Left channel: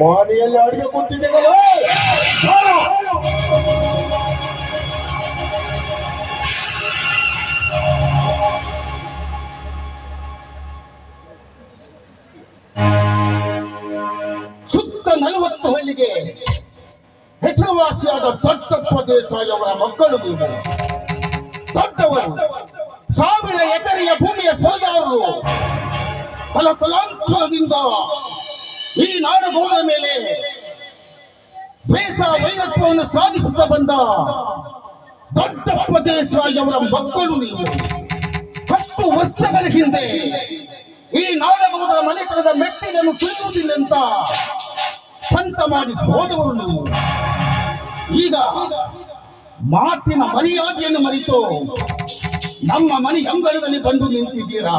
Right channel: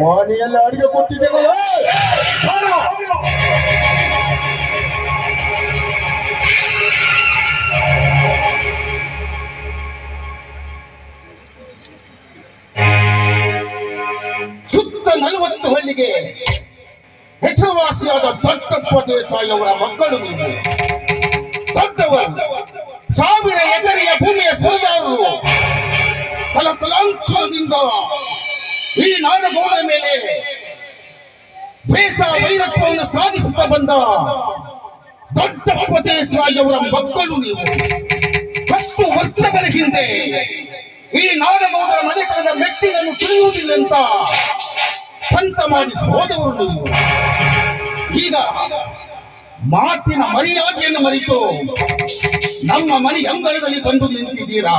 ಮನೆಯಲ್ಲಿ ಅಡಿಗೆ ಕೊಟ್ಟಿದ್ದೇನೆ. ಸುತ್ತ 40 ಹಳ್ಳಿಗೆ ಹೆಸರುವಾಸಿಯಾದ ದೊಡ್ಡಪ್ಪ ದೇಸಾಯಿಯವರ ಮಕ್ಕಳು ನೀವು. ದೊಡ್ಡವರು 1000 ಎಕರೆಯ ಭೂಮಿಯ ಸರ್ದಾರರು. ತಲಾಂತರದಿಂದ ಈ ನಾಡಗೌಡರ ಮೇಲೆ ಬೇಸ ವೈರತ್ವವನ್ನು ಸಾಧಿಸುತ್ತಾ ಬಂದ ದೊಡ್ಡಪ್ಪ ದೇಸಾಯಿಯವರ ಮಕ್ಕಳು ನೀವು. 10 ವರ್ಷಗಳ ಹಿಂದೆ ಈ ನಾಡಗೌಡರ ಮನೆತನದ ಮೆಟ್ಟಿನನ್ನು ತಿಳಿಯುವುದಿಲ್ಲ ಅಂತ ಸಂತ ಮಾಡಿ ಹೋದವರು ನೀವು. ಈಗ ಮಾತಿನ ಮರ್ಯಾದೆಯನ್ನು ಮರೆತು ನಮ್ಮ ಮನೆ ಅಂಗಳದಲ್ಲಿ ಬಂದು ನಿಂತಿದ್ದೀರಾ.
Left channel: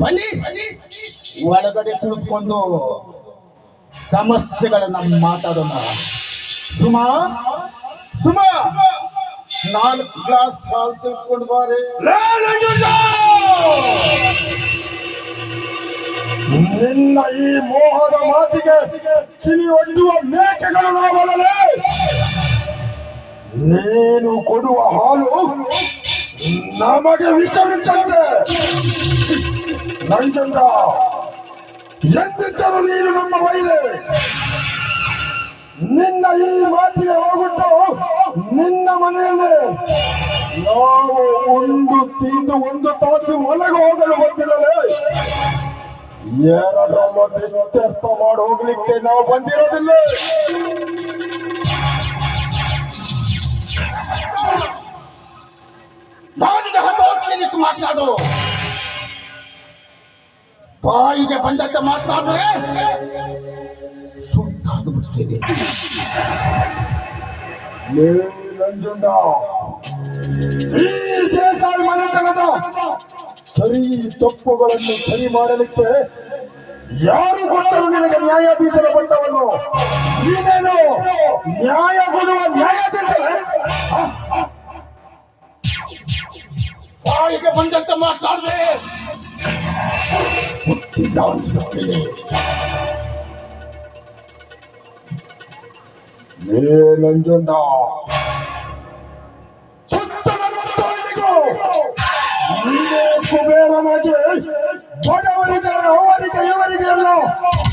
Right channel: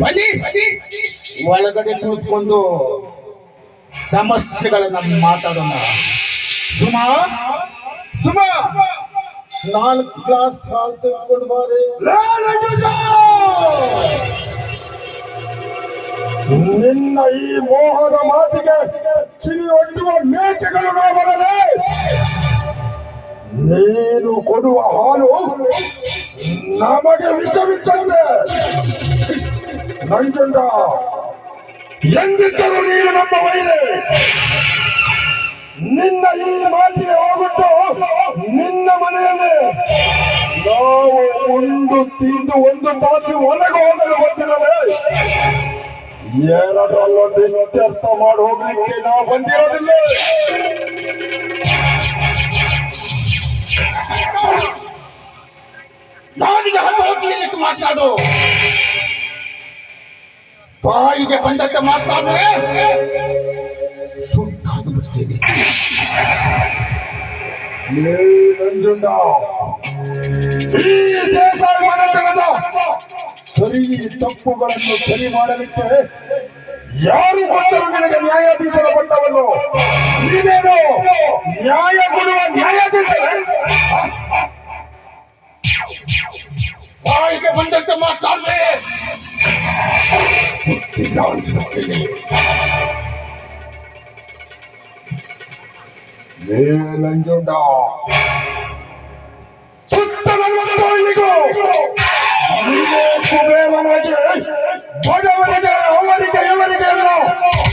ಬನ್ನಿ ಒಳಗಡೆ ಕುಳಿತುಕೊಂಡು ಸಮಸ್ಯೆಗಳನ್ನ ಮಾತಾಡೋಣ. ಸುಮಾ ಸುಮಾ 4 ಗ್ಲಾಸ್ ಹಾಲು ತೆಗೆದುಕೊಂಡು ಬಾರೆ. ನಿನ್ನ ಈ ಮೋಹದ ಮಾತಿಗೆ ಕಿವಿ ಒಡ್ಡುವ ಮೇಕೆಗಳು ನಾವಲ್ಲೇ. ನೀನು ಕೊಡುವ ಹಾಲು ನಮಗೆ ವಿಷವಿದ್ದಂತೆ. ನಂಜುಂಡ, ಎಂದಿದ್ದರೂ ನೀನು ನಮ್ಮ ಮಹಿಳೆ. ನಿನ್ನ ಈ ಮಾತಿಗೆ ಹೋಗುತ್ತೋ ನಿನ್ನ ಮನೆಯಲ್ಲಿ ನಾವು ಉಂಡು ತಿಂದು 1 ತಾಸು ಒಳಗೆ ಹೋಗಲು ಬಂದಿರಲೇ. 2 ಇತ್ಯರ್ಥ ಮಾಡಿ ಹೋಗ್ಲಿಕ್ಕೆ ನಾವು ಬಂದಿರೋದಿಲ್ಲ. ನಾನಿಗೆ ಹತೋಟಿಯಲ್ಲಿಟ್ಟು ಮಾತಾಡು. ಬಾಯಿಗೆ ಬಂದಕ್ಕೆ ಮಾತಾಡುವೆ ಸುಟ್ಟಾದು ಬಿಡ್ತೇನೆ. ನಂಜುಂಡ, ಈ ದೇಸಾಯಿ ಮನೆತನದ ಸರಿ ತಪ್ಪುಗಳನ್ನು ಸರಿ ಮಾಡಲಿಕ್ಕೆ ಯಾರು ಕೊಟ್ಟರು ನಿನಗೆ ನ್ಯಾಯಾಧೀಶರ ಪಟ್ಟವನ್ನು? ನೀನೇನು ನ್ಯಾಯ ಕೊಡುವ ನ್ಯಾಯಾಧೀಶರೇ? ಬಾಯಿಗೆ ಬಂದಂತೆ ಮಾತಾಡ್ರೆ ನಂಜುಂಡ, ಸುತ್ತ 40 ಹಳ್ಳಿಗೂ ನೀನೇ ಕುಬೇರನಾಗಿ ಬಡವರಿಗೆ ಅವರಿಗೆ ಇವರಿಗೆ ಎಲ್ಲ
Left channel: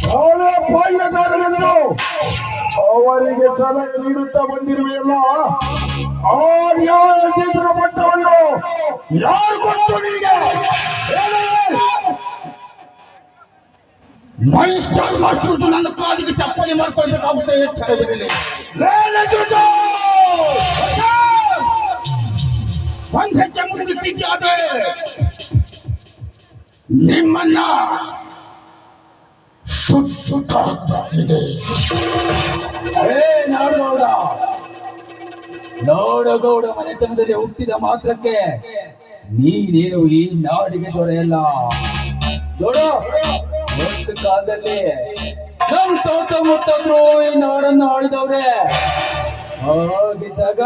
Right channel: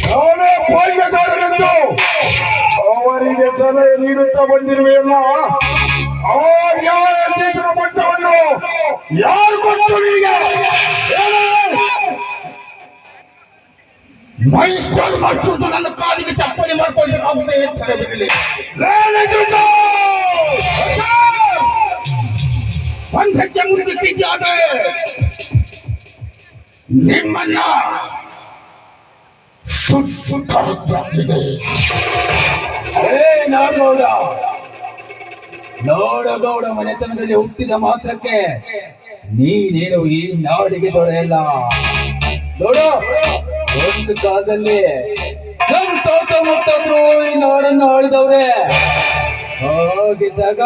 ನಾನೇ ಬಾಯ್ಯಗಾರನೆಂದು ಅವರಿಗೆ ಸಲಹೆ ನೀಡುತ್ತಾ ಬಂದಿರುವೆಯಲ್ಲ. ಆ ನ್ಯಾಯಾಧೀಶರ ಪಟ್ಟವನ್ನು ಯಾರು ಕೊಟ್ಟು ನಿನಗೆ? ಮೈಸ್ಟರ್ ಮಾಸ್ಟರ್ ನನ್ನ ಕಾಲಿಗೆ ಚಪ್ಪಲಿ ಮಾಡ್ಕೊಳ್ಬೇಕಾಗುತ್ತೆ. ಎಚ್ಚರವಿರಲಿ. ಒಂದು ಹೆಜ್ಜೆ ಮುಗಿದಿದ್ದಾದ್ರೆ ನಿಮ್ಮನ್ನ ಸುತ್ತಾಗಿದೆ. ನಾಡಗೌಡ, ನಾಡಗೌಡ ಮನೆತನದಲ್ಲಿ ಹುಟ್ಟಿದ ಮಾತ್ರಕ್ಕೆ ನೀನೇನು ಈ ನಾಡಿಗೆ ದೊರೆಯಲ್ಲ. ನೋಡು, ಒಂದು ಕಾಲದಲ್ಲಿ ನಮ್ಮ ತೋಟ ಮುತ್ತಂದ್ರು ಈ ನಾಡನ್ನು ಆಳಿದವ್ರೆ. ಹಾಗಿದ್ದಾಗ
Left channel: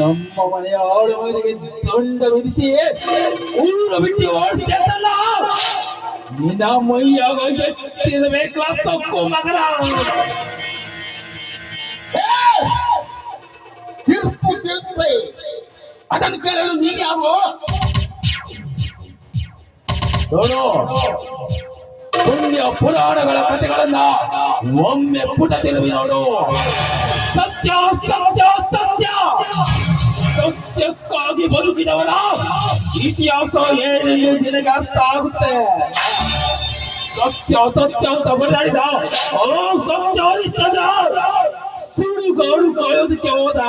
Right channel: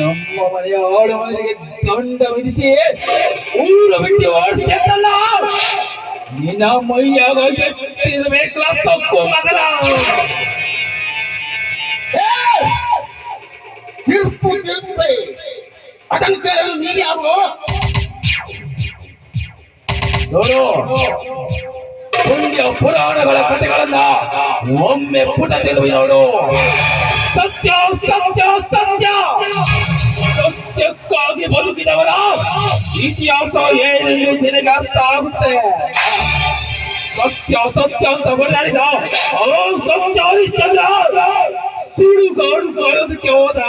ನಮ್ಮ ಮನೆಯ ಆಡು ಮನೆಗೆ ದಂಡ ವಿಧಿಸಿ ಊರು ಬಿಟ್ಟು ಆಡ್ತಿದ್ದಲ್ಲ. ನಿನ್ನ ಮೈಯಾಗ ಎತ್ತಿರಬೇಕಲ್ಲ ತಪ್ಪು ಮಗನ. ತೀರ್ಪು ತೀರ್ಪೆ ಅದನ್ನು ಕೇಳಲು ನೀನು ಯಾವ? ನೋಡು, ಪುಣ್ಯ ಪುರಾಣಗಳ ಕಥೆಗಳನ್ನ ಒಮ್ಮೆ ಪುಟ ತಿರುವಿ ನೋಡು. ಸತ್ಯ ಸತ್ಯ ಸತ್ಯ ಸತ್ಯಕ್ಕಾಗಿ ಬದುಕಿದವರ ಇತಿಹಾಸ ಏನೆಂದು ನಿನಗೆ ಅರ್ಥ ಆಗುತ್ತೆ. ಸತ್ಯ ಸತ್ಯ ಅಂತ ಬರೆದಾಡಿದ ಸತ್ಯ ಹರಿಶ್ಚಂದ್ರ ಸುಡುಗಾಡು ಕಾಯೋದಕ್ಕೆ ಹೋದ.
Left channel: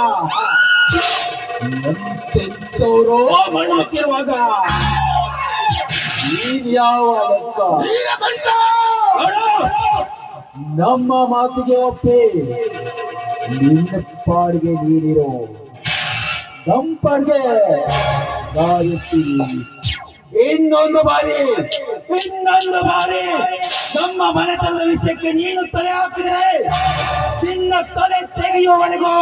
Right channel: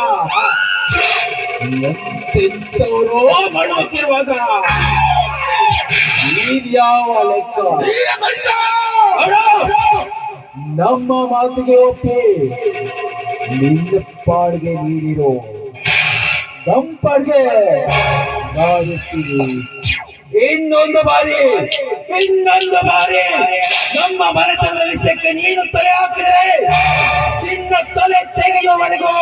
ಎಂತೆಂತವರು ಮಾಡುತ್ತಿರುವಾಗ ಯಾವ ಲೆಕ್ಕ? ನಮ್ಮ ಮಾತಿಗೆ ಒಪ್ಪಿ ನಿನ್ನ ಪಾಡಿಗೆ ನೀಡಿರೋ ದಂಪಡಿಗೆ ನಾವಿರ್ತೀವಿ. ಇನ್ನೊಂದು ಬಾರಿ ನಮ್ಮ ಮನೆತನದ ವಿಷಯಕ್ಕೆ ನೀನು ತಲೆ ಹಾಕಿದ್ರೆ ನಿನ್ನ ತಲೆ ತೆಗೆಯುವವರೆಗೂ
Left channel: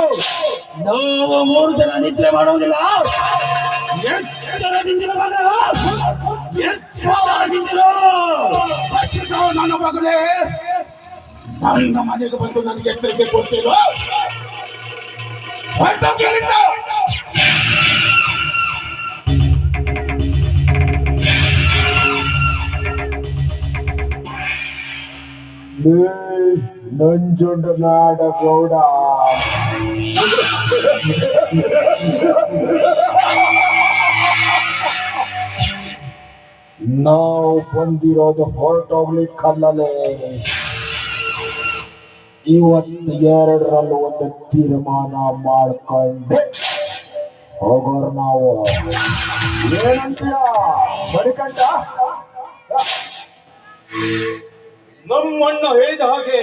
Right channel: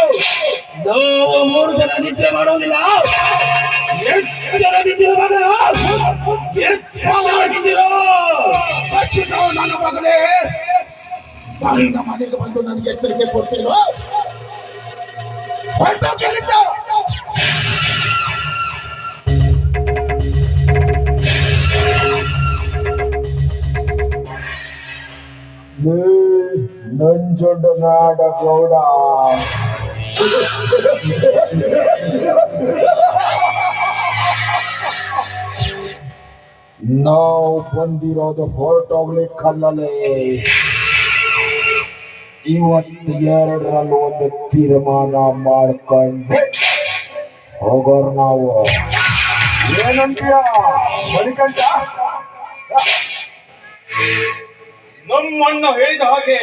ನಾವು 3 ಜನ ನಿದ್ರೆ ಮಾಡುವುದಿಲ್ಲ. ಎಚ್ಚರದಿಂದಿರು ಮಗನ, ಎಚ್ಚರದಿಂದಿರು. ರಕ್ಷಿತಾವ ನನ್ನ ಮಗನೇ, ನನ್ನ ಮನೆಗೆ ಬಂದು ನನಗೆ ಎಚ್ಚರಿಕೆ ಕೊಡ್ತೀನೋ? ಹೊರಟೋಗಿಲ್ಲಿಂದ. ನಂಜುಂಡನಾಡ ಗೌಡ, ನಾವು ಬಂದಿರೋದು ಹೊರಟೋಗ್ಲಿಕ್ಕಲ್ಲೇ. ಇವತ್ತು ಎರಡರಲ್ಲಿ ಒಂದು ತೀರ್ಮಾನ ಮಾಡ್ಕೊಂಡು ಹೋಗೋರು ನಾವು. ಏನಂತೀಯ ಮಣಿಕಂಠ? ನಮ್ಮಣ್ಣ ಹೇಳಿದ ಹಾಗೆ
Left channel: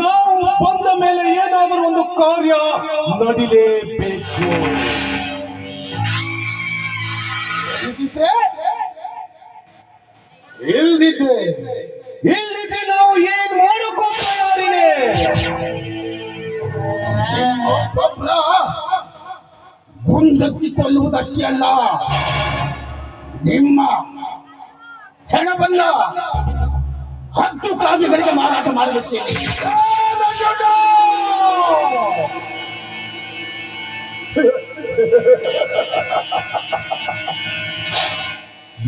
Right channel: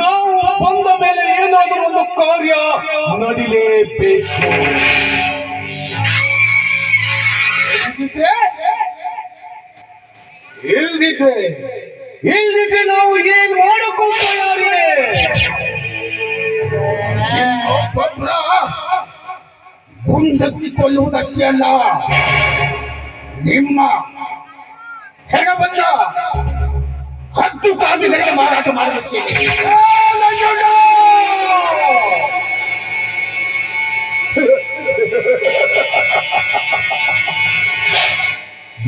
ನಾವು ಬಂದ ಮೇಲೆ ಏನಾದರೂ ಒಂದು ಕಾರ್ಯ ನಡಿಲೇಬೇಕು. ಇಲ್ದಿದ್ರೆ ನಾವು ಏನ್ ಮಾಡೋಕ್ಕೂ ತಯಾರಿನೇ. ಒಬ್ಬೊಬ್ರ ಗುಂಡಕ್ಕಿಕೊಳ್ಳುವುದಷ್ಟೇ ಅಲ್ಲ, ನಿಮ್ಮ ಹೆಣಬಲ್ಲ ಹತ್ತು ಕಾಗಿಗಳಿಗೆ ಮಾರಾಟ ಮಾಡುತ್ತೇನೆ.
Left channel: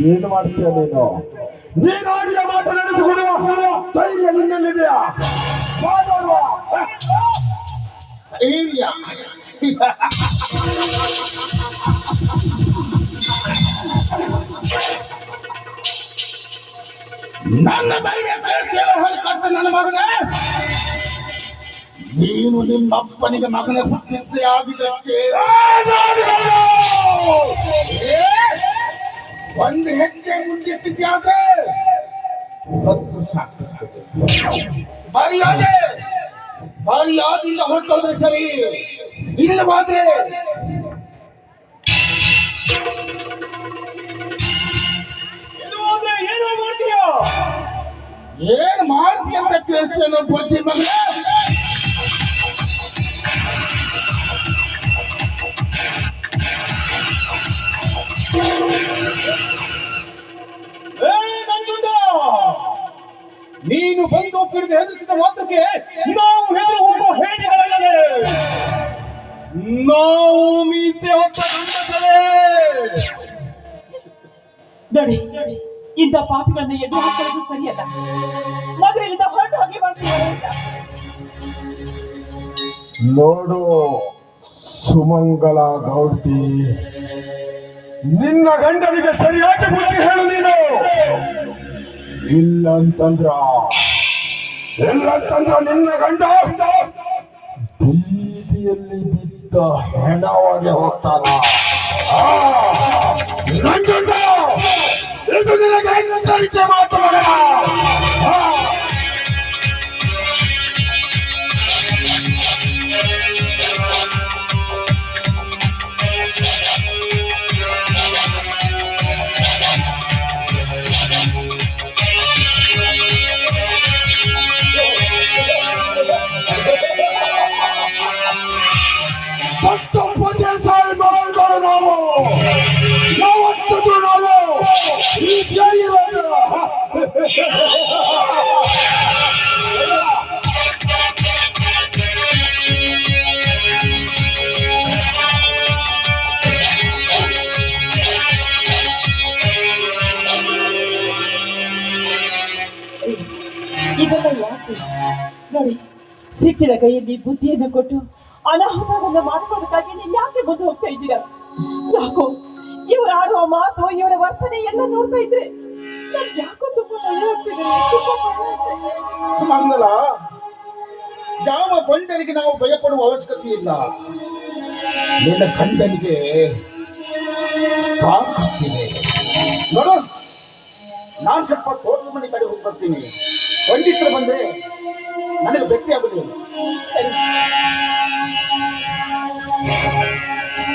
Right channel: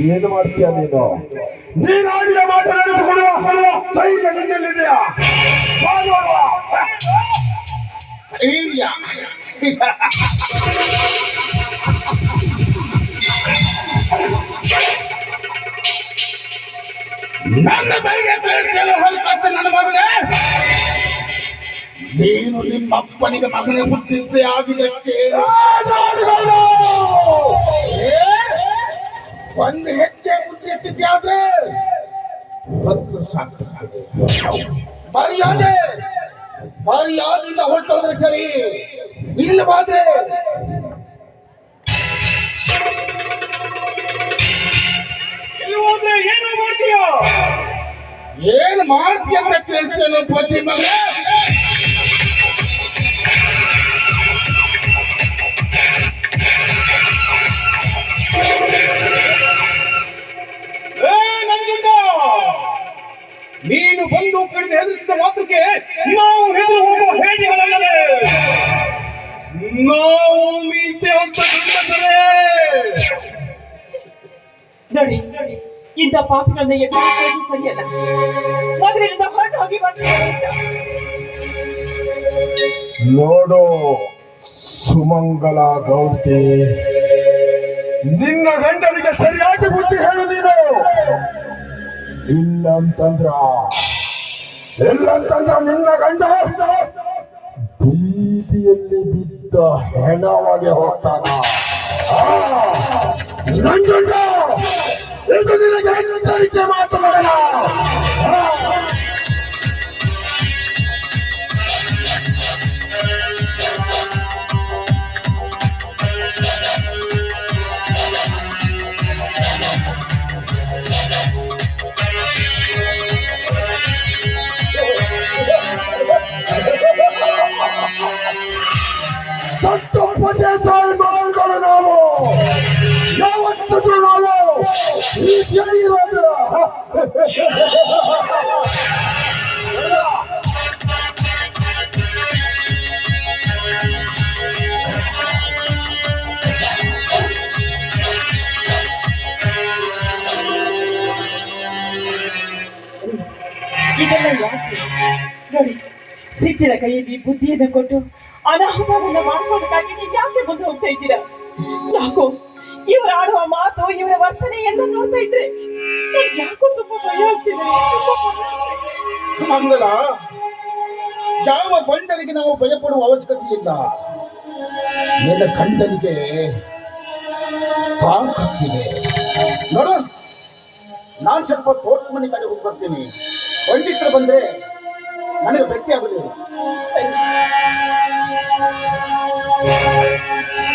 ಏನು ಮಾಡ್ತೀಯ ನೀನು? ನೀನಾಡಿದ ಮಾತು ನಡೆಸಿಕೊಡುವ ಧೈರ್ಯ ನಿನ್ನಲ್ಲಿದೆಯಾ? ಧೈರ್ಯ ನನ್ನ ಧೈರ್ಯ ಹೊರಕಟ್ಟು ನನ್ನ ಮಗನೇ. ನೀನು ನಿಮ್ಮ ಅಪ್ಪನಿಗೆ ಮಗನ ಹುಟ್ಟಿದ್ದೇ ಆಗಿದ್ದಕ್ಕೆ ಒಂದು ಹೆಜ್ಜೆ ಮುಂದಿಟ್ಟಿದ್ಯಾದ್ರೆ ಮರ್ಯಾದೆಯಿಂದ ಹೊರಟೋದ್ರೆ ಸರಿ, ಇಲ್ಲವಾದ್ರೆ ಏನೋ ಮಾಡ್ತೀಯೋ? ಏನು ಮಾಡ್ತೀಯ ಅಂತ ಕೇಳ್ತೇನೆ ಬುದ್ಧಿ ಮಗ. ನೀನು ಬಂದು ಕಡಿಮೆ ಹೆದರಿಸಿದ ಮಾತ್ರಕ್ಕೆ ನಾವು ಹೆದರು ಹೋಗುವ ಹೇಡಿಗಳಲ್ಲದೆ ನಾವು ಮೀಸೆ ಹೊತ್ತ ಗಂಡಸರೇ. ನೋಡಿ ಇಂಥ ಪಾಪಿಗಳನ್ನ ಎದ್ದು ಹಾಕೋದು ಸರಿಯಲ್ಲ. ಮೊದಲಿನಿಂದ ಹೊರಟು ಹೋಗಿ ನೋಡು ಸುಮಂಗಲ ಗೌಡ್ತಿ, ನಿನ್ನ ಗಂಡನಿಗೆ ಸರಿಯಾಗಿ ಬುದ್ಧಿ ಹೇಳು ನೀನು. ಇಲ್ಲಂತಂದ್ರ ನಿನ್ನ ಗಂಡ ಬೀದಿಯಲ್ಲಿ ಬಿದ್ದ ಹೆಣವಾಗಿ ಹೋಗ್ತಾನ. ನಂಜುಂಡ, ಇದು ನಿನಗೆ ಎಚ್ಚರಿಕೆ ಮಾತು ಮಗನ. ನಾವು ಯಾವತ್ತಿಗೂ ನಾವು ಹೀಗೆ ಇರೋದು. ಇದೆಲ್ಲ ಯಾಕೆ ನೋಡಿ, ಸಿಟ್ಟಿನ ಕೈಯಲ್ಲಿ ಬುದ್ಧಿಯನ್ನು ಕೊಟ್ಟು ಅನಾಹುತವನ್ನು ಮಾಡ್ಕೋಬೇಕಾಗಿ ನೀವು ಯಾಕೆ ಬಂದು ಹೋಗ್ತಾ ಇದ್ದೀರಾ? ಯಾಕೋ ಇವರು ಆಡುವ ಮಾತು, ಇವರ ವರ್ತನೆ ಎಲ್ಲ ನೋಡ್ತಾ ಇದ್ರೆ ಯಾಕೋ ತುಂಬಾ ಭಯ ಆಗ್ತಿದೆ. ಮಂಗಲ, ಯಾವ ಗಂಡನಿಗೆ ನಾವು ಭಯಪಡುವ ಅವಶ್ಯಕತೆ ಇಲ್ಲ. ನಿನ್ನ ಗಂಡನಿಗೆ ತಾಕತ್ತಿದೆ. ನೋಡು, ನಾನು ಸ್ವಲ್ಪ ತೋಟದ ಮನೆ ಕಡೆ ಹೋಗಿ ಬರ್ತೀನಿ. ಪಂಡಿತರು ಬಂದ್ರೆ ನನಗೆ ಭೇಟಿ ಆಗುದಿಲ್ಲ. ಸರಿ.